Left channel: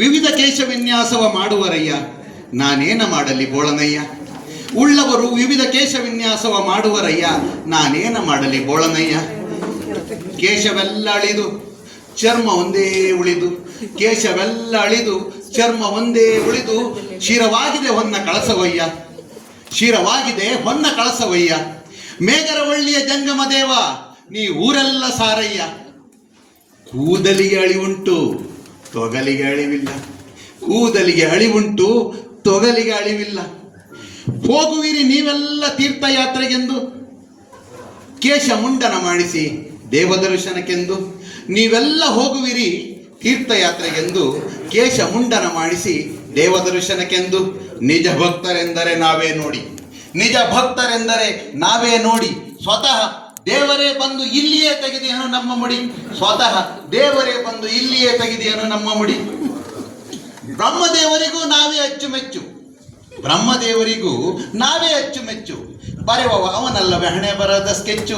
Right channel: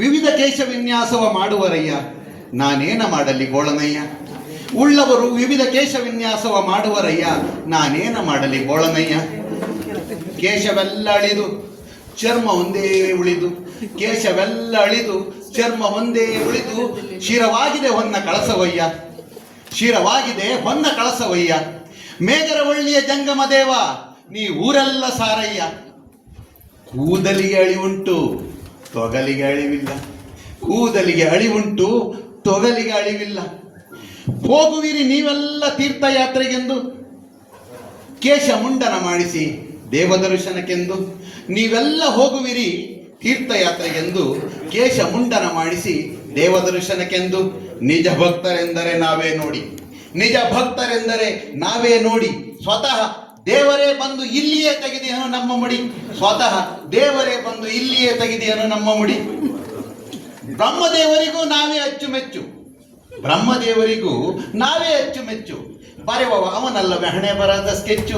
ವಿವಿಧ ಕೇಶ ವಿನ್ಯಾಸವ ಮಾಡುವರಯ್ಯ. ನಾನೇನ ಮಾಡಲಿ ಬೋಳನಯ್ಯ? ಉಳ್ಳವರು ವಿವಿಧ ಕೇಶ ವಿನ್ಯಾಸವ ಮಾಡುವರಯ್ಯ. ನಾನೇನ ಮಾಡಲಿ ಬೋಳನಯ್ಯ? ಕೇಶವೆಲ್ಲ ಅಳಿದು ಚರ್ಮ ಒಂದೇ ಉಳಿದು, ಕೇಶವೆಲ್ಲ ಅಳಿದು ಚರ್ಮ ಒಂದೇ ಉಳಿದು ಶಿರವಾಗಿದೆ ಹೊನ್ನ ಕಳಸವಯ್ಯ. ಶಿರವಾಗಿದೆ ಹೊನ್ನ ಕಳಸವಯ್ಯ. ಮೇಘರವಳ್ಳಿಯ ಜಂಗಮ ದೇವ ನೀ ಊರೆಲ್ಲ ಸಾರಯ್ಯ. ಕೂದಲಿಗೆ ಅಳಿವುಂಟು. ತೊಗಲಿಗೆ ಅಳಿವಿಲ್ಲ. ಕೂದಲಿಗೆ ಅಳಿವುಂಟು, ತೊಗಲಿಗೆ ಅಳಿವಿಲ್ಲ. ಹೋಗುವಿರಿ ನೀವೆಲ್ಲ ತೀರ್ಥಯಾತ್ರೆಗೆಂದು. ಕೇಶ ಮುಂಡನ ಮಾಡಿಸಿ ದೇವದರ್ಶನಕ್ಕೆಂದು. ನೀವೆಲ್ಲ ಹೋಗುವಿರಿ ತೀರ್ಥಯಾತ್ರೆಗೆಂದು ಕೇಶ ಮುಂಡನ ಮಾಡಿಸಿ ದೇವದರ್ಶನಕ್ಕೆಂದು. ನಿಜ ಭಕ್ತರೆಂದರೆ ನಾವೇ ನೋಡಿ. ನಿಜ ಭಕ್ತರೆಂದರೆ ನಾವೇ ನೋಡಿ. ಸ್ವತಃ ದೇವರೇ ಬಂದು ಇಲ್ಲಿಯೇ ತೆಗೆದಿಯನು ನಮ್ಮ ಮುಡಿ. ಸ್ವತಃ ದೇವರೇ ಬಂದು ಇಲ್ಲಿಯೇ ತೆಗೆದಿಯನು ನಮ್ಮ ಮುಡಿ. ಬ್ರಹ್ಮದೇವರಿಗೂ ನಾವೇ ಅಚ್ಚುಮೆಚ್ಚು. ಬ್ರಹ್ಮದೇವರಿಗೂ ನಾವೇ ಅಚ್ಚುಮೆಚ್ಚು. ಬರೆಯುವವ ಅವನಲ್ಲವೇ ಹಣೆ ಬರದ ಸ್ಕೆಚ್ಚು.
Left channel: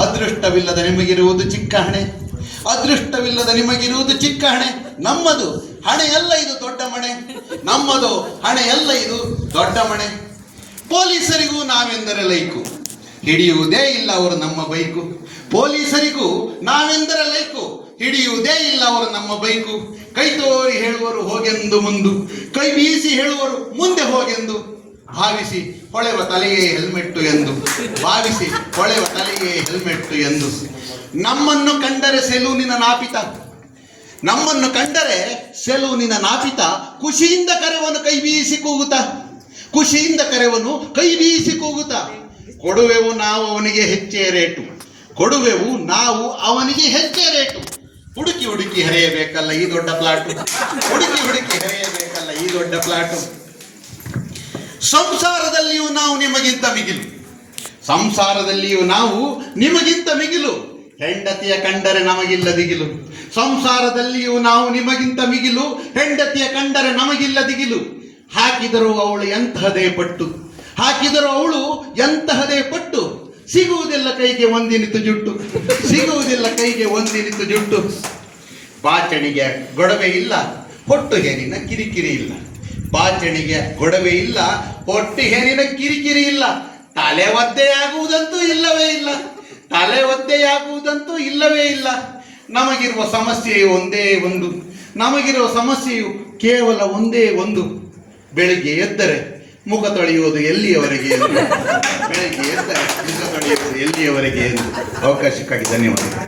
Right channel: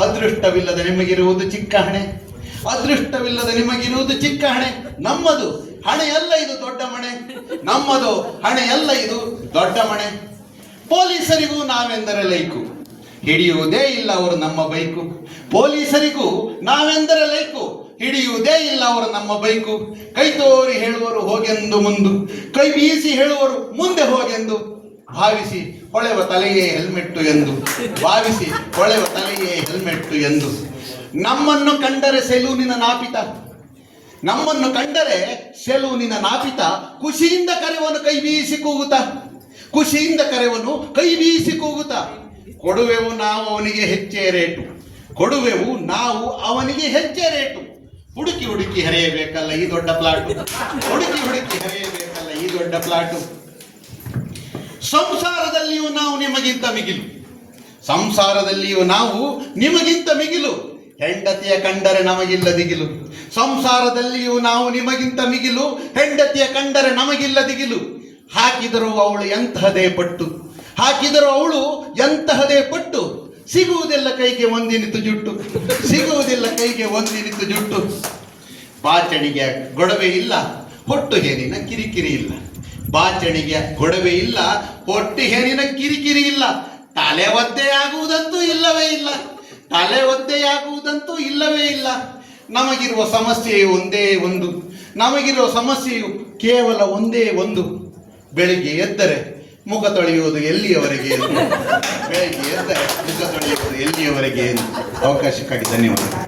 ಅದೃಷ್ಟವಿಲ್ಲದ ನಿಮಗಿರುವುದು ಚಿಕ್ಕ ಹಣೆ. ಅದೃಷ್ಟವಿಲ್ಲದ ನಿಮಗಿರುವುದು ಚಿಕ್ಕ ಹಣೆ. ನಮ್ಮದು ಹಣೆ ಎಲ್ಲ ಇದು ದೊಡ್ಡ ಮಣೆ. ನಮ್ಮದು ಹಣೆ ಎಲ್ಲ ಇದು ದೊಡ್ಡ ಮಣೆ. ಪೊಲೀಸರಿಗೂ ನಾವೆಂದರೆ ಲೈಕು. ಹಿಡಿಯುವುದೇ ಇಲ್ಲ ಅವರು ನಮ್ಮ ಬೈಕು. ಪೊಲೀಸರಿಗೂ ನಾವೆಂದರೆ ಲೈಕು. ಹಿಡಿಯುವುದೇ ಇಲ್ಲ ಅವರು ನಮ್ಮ ಬೈಕು. ಕೈ ತೋರಿ ಹೇಳುವರು ಹೋಗೆಂದು ಮುಂದು. ಕೈ ಬೀಸಿ ಹೇಳುವರು ಮುಂದೆ ಹೋಗೆಂದು. ಭಾವಿಸಿ ಹೊಳೆವ ತಲೆಯೇ ಹೆಲ್ಮೆಟ್ಟು ಎಂದು. ಭಾವಿಸಿ ಹೊಳೆವ ತಲೆಯೇ ಹೆಲ್ಮೆಟ್ಟು ಎಂದು. ನಮ್ಮನ್ನು ಕಂಡರೆ ಸೆಲೂನಿನ ನಾಪಿತ. ನಮ್ಮನ್ನು ಕಂಡರೆ ಸೆಲೂನಿನ ನಾಪಿತ. ಖುಷಿಯಿಂದ ಕರೆವನು ಕೈ ಬೀಸಿ ಕೂಗುತ್ತ. ಖುಷಿಯಿಂದ ಕರೆವನು ಕೈ ಬೀಸಿ ಕೂಗುತ್ತ. ಕೊಡುವೆವು ನಾವು ಅವನಿಗೆ ಹೆಚ್ಚೇ ರೇಟು. ಕೊಡುವೆವು ನಾವು ಅವನಿಗೆ ಹೆಚ್ಚೇ ರೇಟು. ಹುಡುಕಿ ಹುಡುಕಿ ಹರಿಯಬೇಕಲ್ಲ ಈ ದೊಡ್ಡ ಪ್ಲಾಟು ಹುಡುಕಿ ಹುಡುಕಿ ಹರಿಯಬೇಕಲ್ಲ ಈ ದೊಡ್ಡ ಪ್ಲಾಟು ಸಂಸಾರದಲ್ಲಿಯೂ ನಾವು ನಿಮಗಿಂತ ಮಿಗಿಲು. ಸಂಸಾರದಲ್ಲಿಯೂ ನಾವು ನಿಮಗಿಂತ ಮಿಗಿಲು. ಹೆಂಡತಿಯ ಕಂಡರೆ ನಮಗಿಲ್ಲ ದಿಗಿಲು ಸಂಸಾರದಲ್ಲಿಯೂ ನಾವು ನಿಮಗಿಂತ ಮಿಗಿಲು. ಹೆಂಡತಿಯ ಕಂಡರೆ ನಮಗಿಲ್ಲ ದಿಗಿಲು ಹಾಕಿದರೂ ಅವಳು ಎಂಥದೇ ಪಟ್ಟು. ಹಾಕಿದರೂ ಅವಳು ಎಂತಹದೇ ಪಟ್ಟು ಸಿಗುವುದಿಲ್ಲ ಕೈಗೆ ಒಂದಿನಿತು ಜುಟ್ಟು, ಸಿಗುವುದಿಲ್ಲ ಕೈಗೆ ಒಂದಿನಿತು ಜುಟ್ಟು. ಬಾಚಣಿಗೆ ಗೊಡವೆ ಇಲ್ಲ, ಹೊಟ್ಟು ಹೇನಿನ ಕಿರಿಕಿರಿ ಇಲ್ಲ. ಬಾಚಣಿಗೆ ಗೊಡವೆ ಇಲ್ಲ, ಹೊಟ್ಟು ಹೇನಿನ ಕಿರಿಕಿರಿ ಇಲ್ಲ. ತಲೆ ಒದ್ದೆಯಾಗುವುದಂತೂ ಇಲ್ಲವೇ ಇಲ್ಲ. ತಲೆ ಒದ್ದೆಯಾಗುವುದಂತೂ ಇಲ್ಲವೇ ಇಲ್ಲ. ನಮಗಿರುವ ಸಮಸ್ಯೆ ಒಂದೇ ಒಂದು. ನಮಗಿರುವ ಸಮಸ್ಯೆಯು ಕೇವಲ ಒಂದೇ ಒಂದು. ಬೆಳಿಗ್ಗೆ ಎದ್ದರೆ ಮುಖ ತೊಳೆಯುವುದು ಎಲ್ಲಿಯವರೆಗೆ ಬೆಳಗ್ಗೆ ಎಂತ ಮುಖ ತೊಳೆಯುವುದು ಎಲ್ಲಿಯವರೆಗೆ ಎಂದು ಅವಕಾಶಕ್ಕಾಗಿ ಧನ್ಯವಾದಗಳು.